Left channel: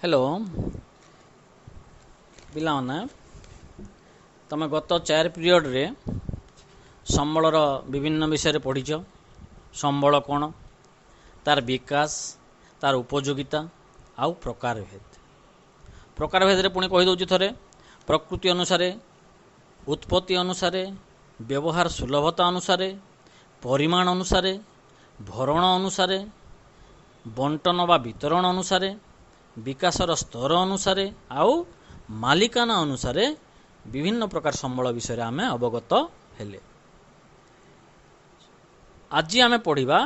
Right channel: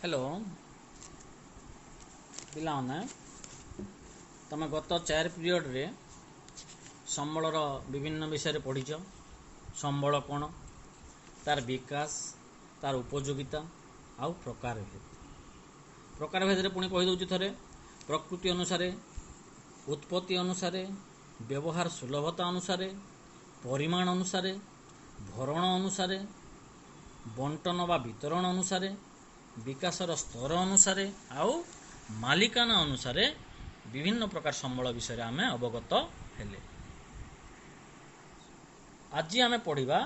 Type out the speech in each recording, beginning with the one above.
Hello पिलाने तमे गत 4 पीरियड रे संबलर विभिन्न विषय पढ़ीच। संबल कौन, तार विकास, तार उपयोगिता आउ प्रकार भेद पुणी कहीदे थे। प्रकृति अनुसार, उत्पत्ति अनुसार, व्यवहार सुलभता अनुसार, परिमाण अनुसार, भरण अनुसार, बंटन बा वितरण अनुसार, विकासर स्तर अनुसार आउ मालिकाना अनुसार विभिन्न प्रकार संबल विषय आम अवगत हेले। आज आम पढ़ा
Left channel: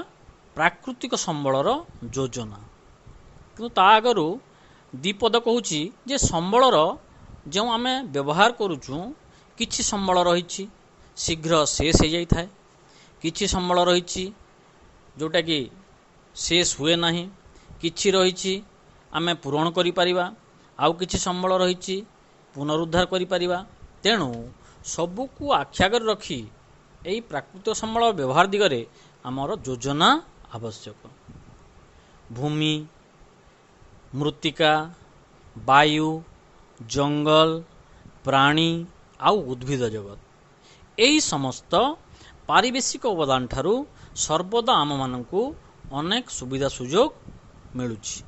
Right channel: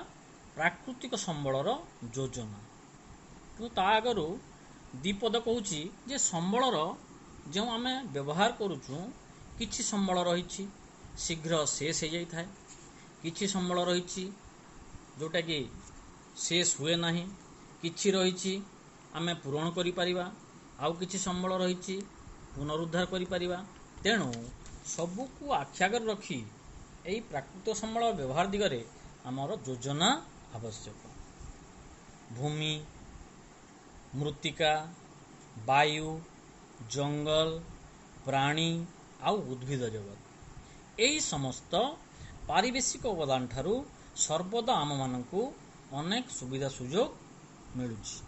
प्राकृतिक संबलर योजना। कि ता आगु दीपद कहूँ जे संबलर जो आम व्यवहार करुचु किछि संबल रही शीघ्र शेष हो जाए, किछि संबल रही जोटा कि शेष हुए ना, किछि रही आम पूरण करिपरिबा, आउ किछि संबल रही पुनरुद्धार करिपरिबा। तेणु सबको आख्यागर रखी यही प्राकृतिक संबल व्यवहार दिगरे आमर योजना आवश्यक। भूमि, मृत्तिका, वायु, जंगल, प्राणी आउ उद्भिद जगत यही समस्त पारिवेशिक अवदान ठारू सर्वदा आम मानकु अनेक सुविधा सुजोग मिलुछि।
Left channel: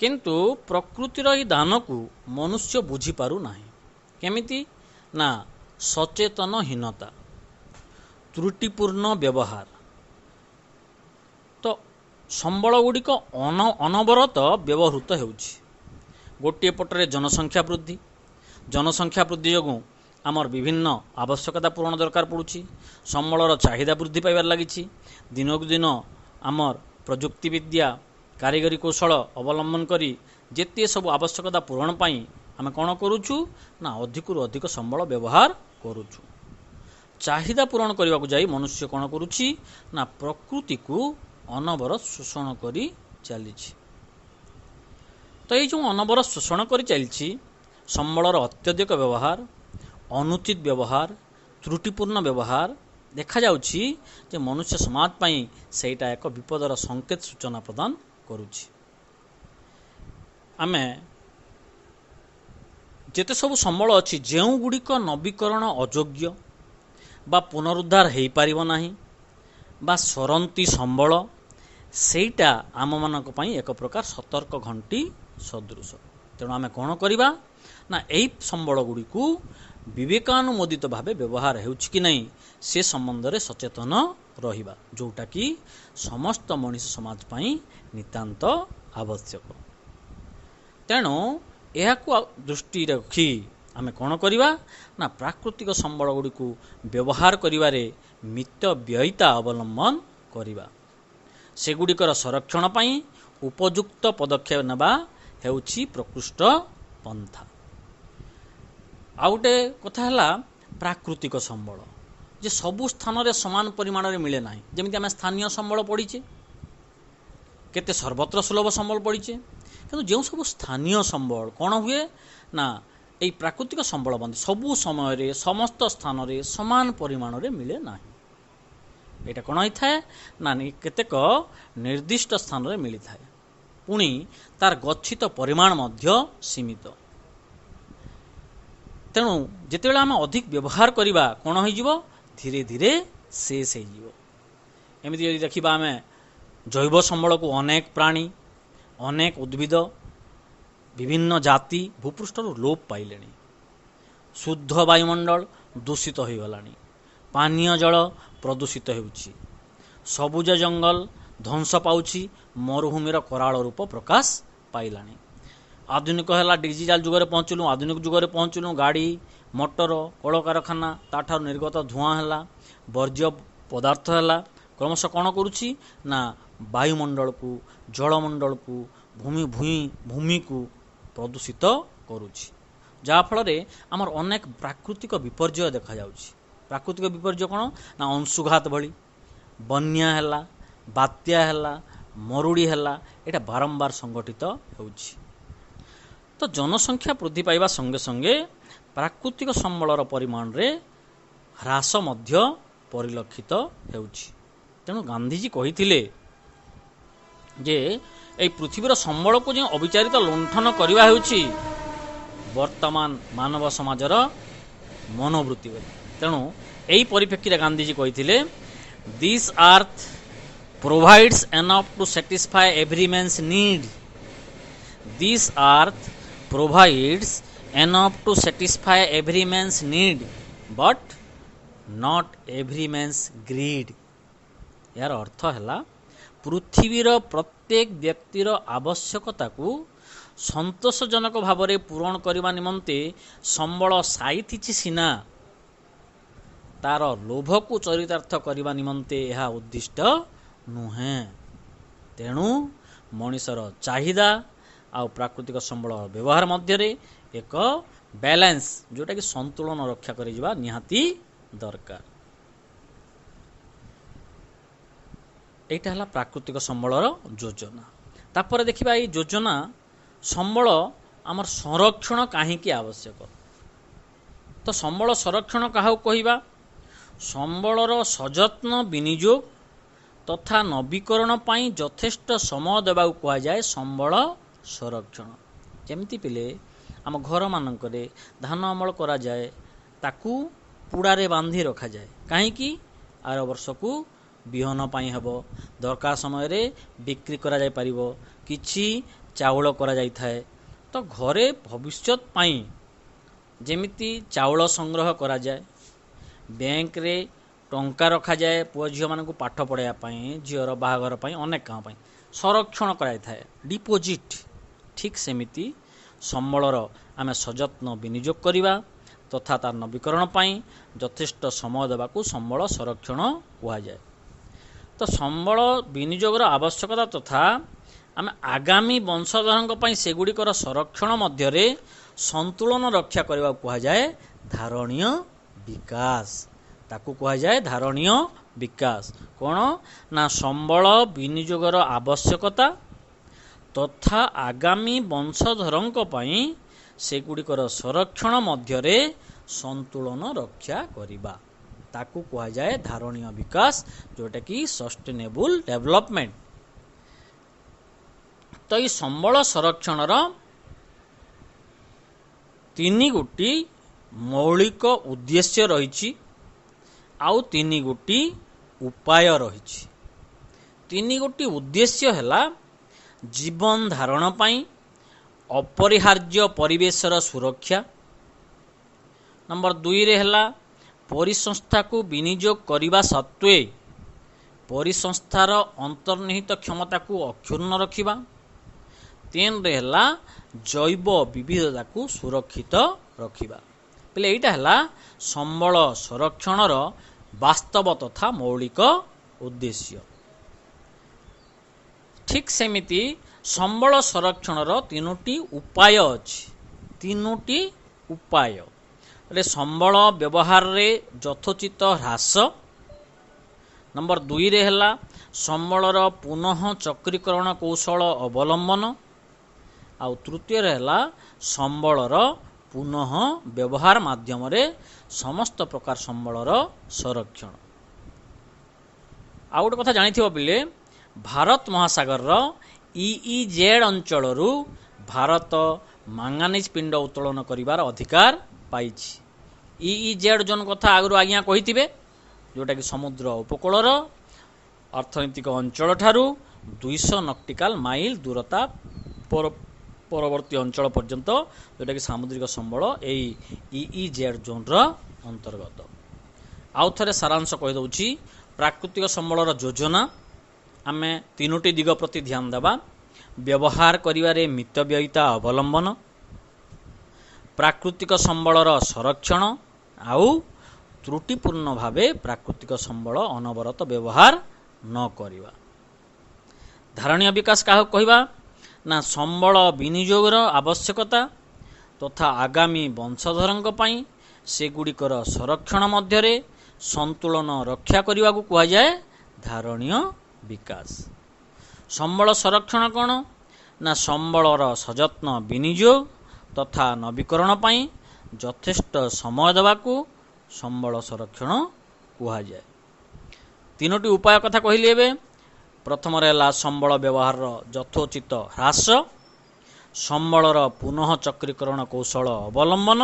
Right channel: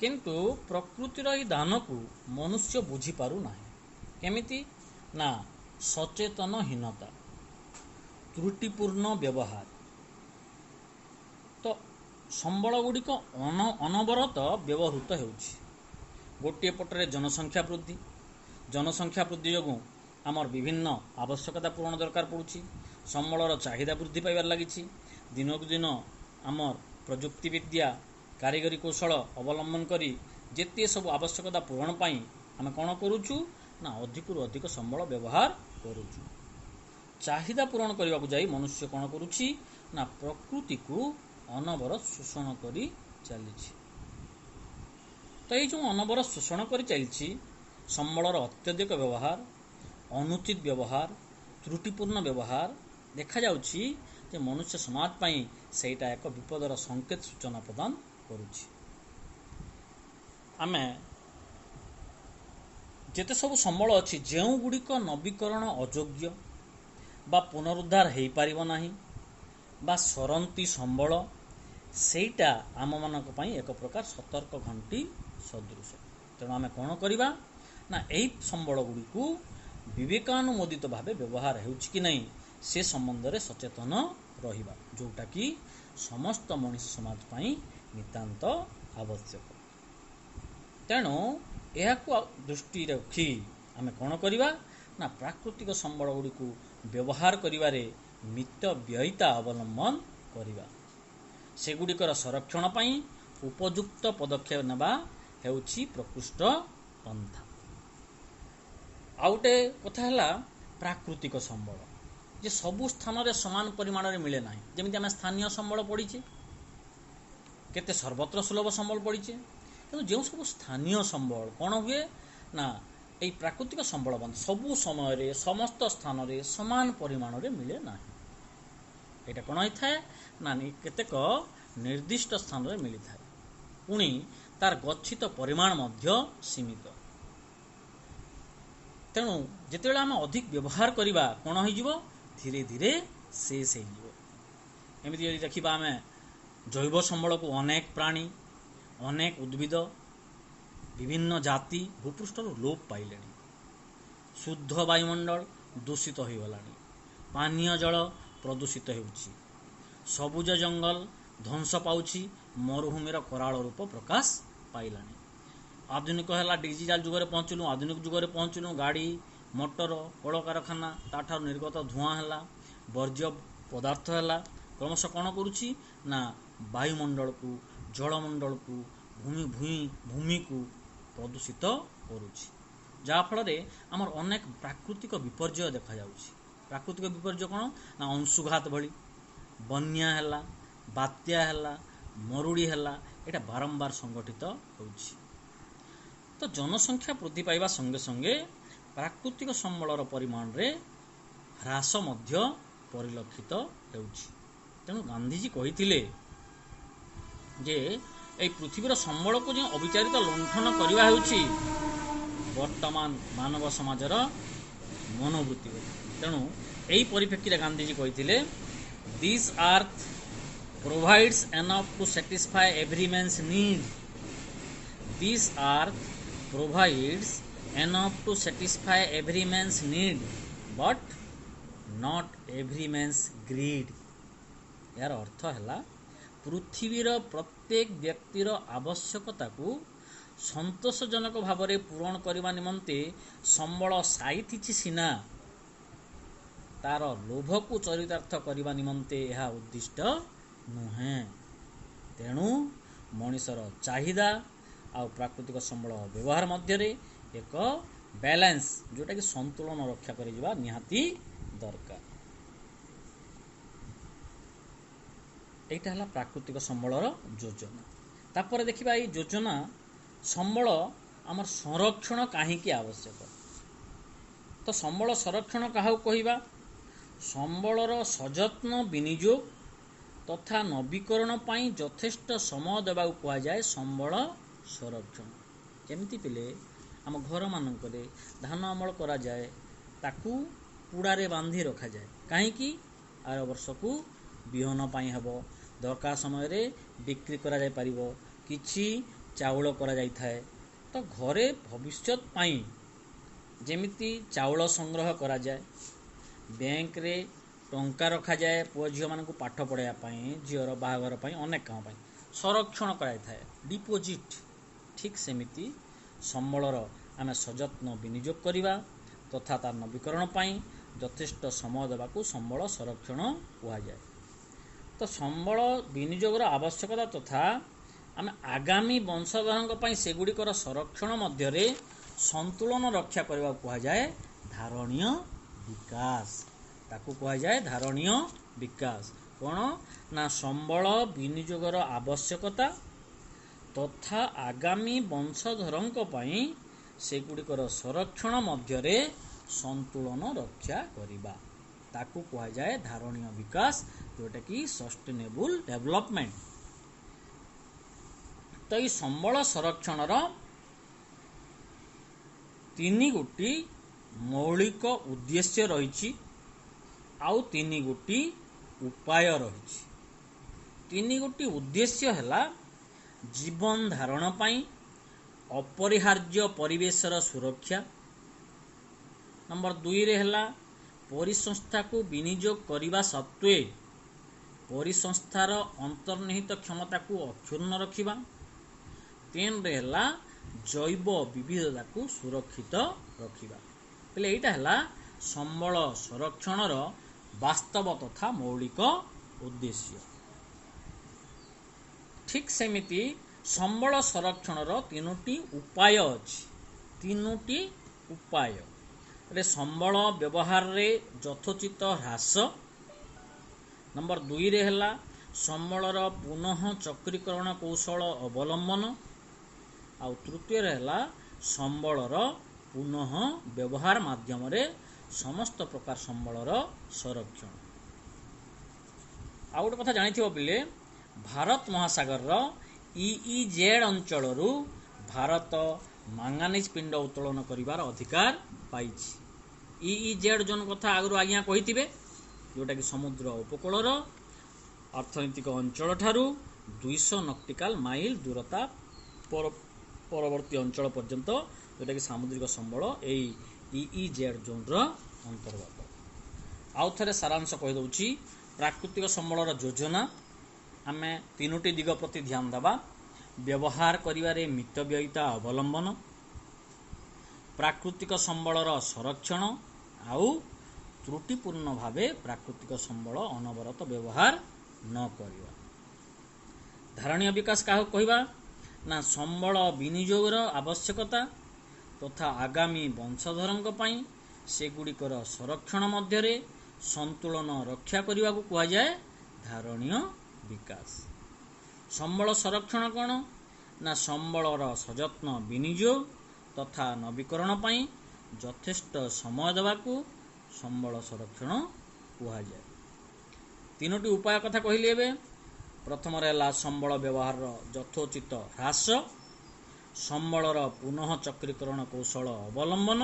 किंतु प्रकृतिर ई दान को मनुष्य बुझी पारु नाही। केमिति ना सचेतनहीनता, त्रुटिपूर्ण व्यवहार। तो संबल गुड़िक अनवरत व्यवहृत होउछि। गोटे पटरे जनसंख्या वृद्धि जोगुं आमर विभिन्न आवश्यकता पूरण दरकार पड़ुछि। संबलर चाहिदा वृद्धि पाइबार लागिछि। दिनकु दिन आमर प्रजुक्ति विद्या, कारीगरी कौशल अवलंबन करी जेते सब आवश्यकता पूरण पाई आम कौन करुचु ना अधिकरु अधिक संबल व्यवहार करुचु। चाहिदा पूरण करने को जाई मनुष्य कौन करुछि ना प्रकृति को अनवरत शोषण करी चलीछि। तो ये जो अनवरत शोषण करी चलीछि, संबलर अत्यधिक व्यवहार, अनुचित व्यवहार, त्रुटिपूर्ण व्यवहार देखा जाउछि जे मनुष्य समाज पाई सेटा एक विपदर संकेत सूचना प्रदान करुछि। आमे जेते सब संबल अच्छी जो गुड़िक नवीकरण अयोग्य बा पुनरुद्धार हो पारिबो नाही बा सरंती संबल, सेटा आम मानक पई एक प्रकार सतर्क घंटी सदृश। तेणु आमे कौन करिबा ना एही संबल गुड़िकु विवेकानुमोदित भावे व्यवहार हेउछि कि नहीं से संबंध में सचेतन रहिबा, जोटा कि समस्त मनुष्य समाज पाई नितांत आवश्यक। तेणु यह दृष्टि रखी आम कौन करिबा ना प्राकृतिक संबल गुड़िकु व्यवहार करिबारे मितव्ययिता अवलंबन करिबा। सेगुड़िकर संरक्षण पाई उपयुक्त पदक्षेप नेबा हेउछि प्रकृष्ट पंथा। आउटे कथा हला प्राकृतिक संबल जे सबु स्थान रे समान परिमाण रे मिले नाही। जेमिति आम स्थानीय संबल पढ़ीचे, केते सर्वत्र सुलभ संबल पढ़ीचे, किंतु जो सब स्थानीय संबल कौन हुए ना यही प्राकृतिक संबल बंद सबु समय रे समस्त स्थान रे समान परिमाण रे मिले नाही। एटा कौन होता है ना केतेक निर्दिष्ट स्थान रे मिली थाए, पुणी तार गच्छित परिमाण मध्य सीमित। तेणु जितेबाला आम अधिक व्यवहार करवा कौन हो धीरे धीरे शेष हो। एमती यदि देखा आम जैव संबल को अनेक प्राणी, अनेक उद्भिद, विभिन्न जाति भूपृष्ठर लोप पाइले। शुद्ध वायुमंडल दूषित हो गलानी, पानीय जल प्रदूषित होउछि, सबुज जंगल ध्वंस पाउछि, मरुभूमिर कराल रूप प्रकाश पाइलानी। आधुनिक है डिजिटाल जुगे पहुँचलु, आधुनिक जुगे पहुँचलु, गाड़ी मोटर कलकारखाना ताठार निर्गत धुआं है, वर्ज्य पदार्थ है क्रमश कौन करुछि ना वायुमंडल को, जलमंडल को, भूमि को प्रदूषित करुछि। जाफल आमर अनेक प्राकृतिक विपर्यय देखा जाउछि। प्राकृतिक विपर्यय कौन ना अंशुघात भली, बन्या है, बात्या है, मरुड़ी है, यहाँ बारंबार संगठित होउछि। तो जनसंख्या वृद्धि पाइबा संगे संगे प्राकृतिक संबलर परिमाण रे ह्रास मध्य परिलक्षित होउछि। तेणु गांधीजी कहिथिले जे এই ପୃଥିବୀର ସମ୍ବଳକୁ ଯେଉଁ ଅବିଚାରିତ ଲୁଣ୍ଠନ କରିବା ହେଉଛି ବର୍ତ୍ତମାନ ମାନବ ସମାଜର ମନୋବୃତ୍ତି ବୋଲି। ତେଣୁ ଏହି ପରିପ୍ରେକ୍ଷୀରେ ଗାନ୍ଧିଜୀ କହିଥିଲେ this earth provides enough to satisfy every man's need. This earth provides enough to satisfy every man's need but not every man's greed. ଏହାର ଅର୍ଥ ହେଲା ପୃଥିବୀର ପ୍ରତ୍ୟେକ ବ୍ୟକ୍ତିର ଆବଶ୍ୟକତାକୁ ସନ୍ତୋଷଜନକ ଭାବରେ ପୂରଣ କରିବା ନିମନ୍ତେ ସମ୍ବଳ ସାଇତିଛି ସିନା, ତାର ଲୋଭକୁ ଚରିତାର୍ଥ କରିବା ନିମନ୍ତେ ଏହା ଉଦ୍ଦିଷ୍ଟ ନୁହେଁ। ତେଣୁ ମଣିଷର ଚାହିଦା ଆଉ ପ୍ରାକୃତିକ ସମ୍ବଳ ବ୍ୟବହାର ମଧ୍ୟରେ ଏକ ବ୍ୟାଲେନ୍ସ, ଯେଉଁଟାକି ସନ୍ତୁଳନ ରକ୍ଷା କରିଯିବା ନିହାତି ଦରକାର। ଏଇଟା ହେଲା ପ୍ରାକୃତିକ ସମ୍ବଳର ଯୋଜନା। ତାପରେ ଦେଖିବା ଏଇ ଯୋଜନା ସମ୍ବଳ ଆମର ସଂରକ୍ଷଣ କାହିଁକି ଆବଶ୍ୟକ। ତ ସମ୍ବଳ ସଂରକ୍ଷଣ କାହାକୁ କହିବା? ସମ୍ବଳର ସଯତ୍ନ ବିନିଯୋଗ ତଥା ନବୀକରଣ ପାଇଁ ଯଥେଷ୍ଟ ସମୟ ଦେବାକୁ କୁହାଯାଏ ସମ୍ବଳ ସଂରକ୍ଷଣ। ଯେମିତି ପିଲେ ଆମ ଘରମାନଙ୍କରେ ଧାନ ଅମଳ କରାଯାଏ, ତାକୁ ପୁଡ଼ାରେ ବାନ୍ଧି ରଖାଯାଏ। କାହିଁକି? ଆର ବର୍ଷକୁ ବିହନ ପାଇଁ ହେବ, ଦରକାର ସମୟରେ ବିକ୍ରି କରାଯାଇପାରିବ, କିଛି ଚାଉଳ କରାଯାଇଥାଏ। ତ ଘରେ ଭବିଷ୍ୟତ ପାଇଁ ଯେମିତି ଚାଉଳ ସଂଗ୍ରହ କରାଯାଏ, ବ୍ୟାଙ୍କରେ ଟଙ୍କା ରଖାଯାଏ ପୁଅ ଝିଅମାନଙ୍କୁ ପାଠ ପଢ଼ାଇବା ପାଇଁ, ଝିଅର ବାହାଘର ପାଇଁ, ଅନେକ କାମ ପାଇଁ ସଂରକ୍ଷଣ କରାଯାଇଥାଏ, ଡିପୋଜିଟ୍। ଠିକ୍ ସେମିତି ସମ୍ବଳର ଆମେ ସଯତ୍ନ ବିନିଯୋଗ କରିବା ତଥା ତାର ନବୀକରଣ ପାଇଁ ଯଥେଷ୍ଟ ସମୟ ଦେବାକୁ ସମ୍ବଳ ସଂରକ୍ଷଣ କୁହାଯାଏ। ତ ସମ୍ବଳ ବିନିଯୋଗର ଆବଶ୍ୟକତା ତଥା ଆମେ ଆଗାମୀ ବଂଶଧରଙ୍କ ପାଇଁ ସେଗୁଡ଼ିକର ସଂରକ୍ଷଣ ମଧ୍ୟରେ ସନ୍ତୁଳନ ରକ୍ଷା କରିବାକୁ କୁହାଯାଏ ଧାରଣୀୟ ବିକାଶ। ତାକୁ କୁହାଯାଏ ଧାରଣୀୟ ବିକାଶ। କ'ଣ ନା ସମ୍ବଳ ବିନିଯୋଗର ଆବଶ୍ୟକତା ତଥା ଆଗାମୀ ବଂଶଧରଙ୍କ ପାଇଁ ସେଗୁଡ଼ିକର ସଂରକ୍ଷଣ ମଧ୍ୟରେ ସନ୍ତୁଳନ ରକ୍ଷା କରିବା, ତାକୁ କୁହାଯାଏ ଧାରଣୀୟ ବିକାଶ, ଯେଉଁଟାକି ସଷ୍ଟେନେବୁଲ୍ ଡେଭଲପମେଣ୍ଟ। ତ ଏଇ ସମ୍ବଳ ସଂରକ୍ଷଣର ତିନି ଗୋଟି ମୌଳିକ ଉଦ୍ଦେଶ୍ୟ ରହିଛି, ଆଉ ତିନି ଗୋଟି ଉପାୟ ରହିଛି। ତିନି ଗୋଟି ଉଦ୍ଦେଶ୍ୟ ହେଲା ଜୀବନ ଧାରଣ ପାଇଁ ଅପରିହାର୍ଯ୍ୟ ପରିବେଶର ସୁରକ୍ଷା। ନମ୍ବର 2ରେ ହେଲା ପରିସଂସ୍ଥାକୁ ବିନିଯୋଗ କରିବା ସତ୍ତ୍ୱେ ପରିସଂସ୍ଥାର ଅନ୍ତର୍ନିହିତ କ୍ଷମତାକୁ ଅକ୍ଷୁଣ୍ଣ ରଖିବା। 3ରେ ହେଲା ଜୈବ ବିବିଧତାକୁ ସୁରକ୍ଷିତ ରଖିବା। ହେଲେ ଏଇଟା ହେଲା ସମ୍ବଳ ସଂରକ୍ଷଣର ବାସ୍ତବ ତଥା ମୌଳିକ ଉଦ୍ଦେଶ୍ୟ। ଠିକ୍ ସେମିତି ସମ୍ବଳ ସଂରକ୍ଷଣର ତିନୋଟି ଉପାୟ ଅଛି। ତିନୋଟି ଉପାୟ ରେ ସମ୍ବଳ ବ୍ୟବହାରରେ ଯଥୋଚିତ ହ୍ରାସ। ନମ୍ବର 2ରେ ହେଲା ସମ୍ବଳର ପୁନଃ ଚକ୍ରୀକରଣ କୌଶଳ ଅବଲମ୍ବନ। ଆଉ ତୃତୀୟରେ ହେଲା ସମ୍ବଳର ପୁନଃ ବ୍ୟବହାର ମାଧ୍ୟମରେ ସମସ୍ତ ପ୍ରକାର ସମ୍ବଳର ସଂରକ୍ଷଣ। ଆଉ ଗୋଟେ କଥା ଜାଣିଥିବ ପିଲେ, ଭାରତ ମହାସାଗରର EEZ ଅଞ୍ଚଳରୁ ଭାରତ ମାଙ୍ଗାନିଜ ପିଣ୍ଡ ଉତ୍ତୋଳନ କରିବାର ଅଧିକାର ପାଇଛି। EEZ ଜୋନ୍ କଥା ଆଗରୁ ଆଜ୍ଞା କହିଥିବେ, ଯେଉଁଟାକି ସମୁଦ୍ର ଉପକୂଳର ଅର୍ଥନୈତିକ ଅଞ୍ଚଳଠାରୁ 200 ନଟିକାଲ ମାଇଲ ଦୂରତା ପରବର୍ତ୍ତୀ ଅଞ୍ଚଳ ପର୍ଯ୍ୟନ୍ତ, ଯେଉଁଟାକି ସାମୁଦ୍ରିକ ସମ୍ବଳ ଏଇ EEZ ଜୋନ୍ର ଅନ୍ତର୍ଗତ। ଆଉ ଥରେ ସାରାଂଶ କହିଦେଉଛି। ପ୍ରାକୃତିକ ସମ୍ବଳର ଯୋଜନା, ଆମେ ତିନୋଟି ଦିଗ ପ୍ରତି ଧ୍ୟାନ ଦେବା। ବ୍ୟବହାର କରିବାରେ ମିତବ୍ୟୟିତା ଅବଲମ୍ବନ, ପ୍ରାକୃତିକ ସମ୍ବଳର ସଂରକ୍ଷଣ, ଆଉ ତ୍ରୁଟିପୂର୍ଣ୍ଣ ଭାବେ ପ୍ରାକୃତିକ ସମ୍ବଳ ଅନବରତ ବ୍ୟବହାର ନ କରିବା। ଧାରଣୀୟ ବିକାଶ କାହାକୁ କହିବା? ନା ସମ୍ବଳ ବିନିଯୋଗର ଆବଶ୍ୟକତା ତଥା ଆଗାମୀ ବଂଶଧରଙ୍କ ପାଇଁ ସେଗୁଡ଼ିକର ସଂରକ୍ଷଣ ମଧ୍ୟରେ ସନ୍ତୁଳନ ରକ୍ଷା କରିବାକୁ କୁହାଯାଏ ଧାରଣୀୟ ବିକାଶ। ସମ୍ବଳ ସଂରକ୍ଷଣ କ'ଣ? ନା ସମ୍ବଳର ସଯତ୍ନ ବିନିଯୋଗ ତଥା ନବୀକରଣ ପାଇଁ ଯଥେଷ୍ଟ ସମୟ ଦେବାକୁ ସମ୍ବଳ ସଂରକ୍ଷଣ କୁହାଯାଏ। ତିନୋଟି ଉପାୟ କଥା କହିଲି ଏବେ। प्रथम है संबल व्यवहार यथोचित ह्रास, संबलर पुनः चक्रीकरण कौशल अवलंबन,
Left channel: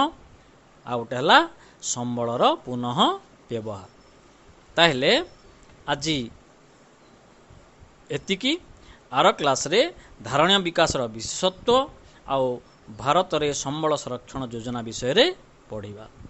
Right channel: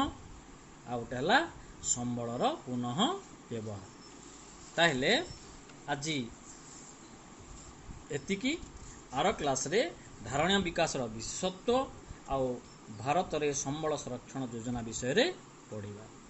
आ गोटे है संबलर पुनः व्यवहार। ताहले आज एतिकी आर क्लास रे धारणीय विकासर विशेषत्व आउ भारत रे संबल संरक्षण योजना विषय रे पढ़िबा।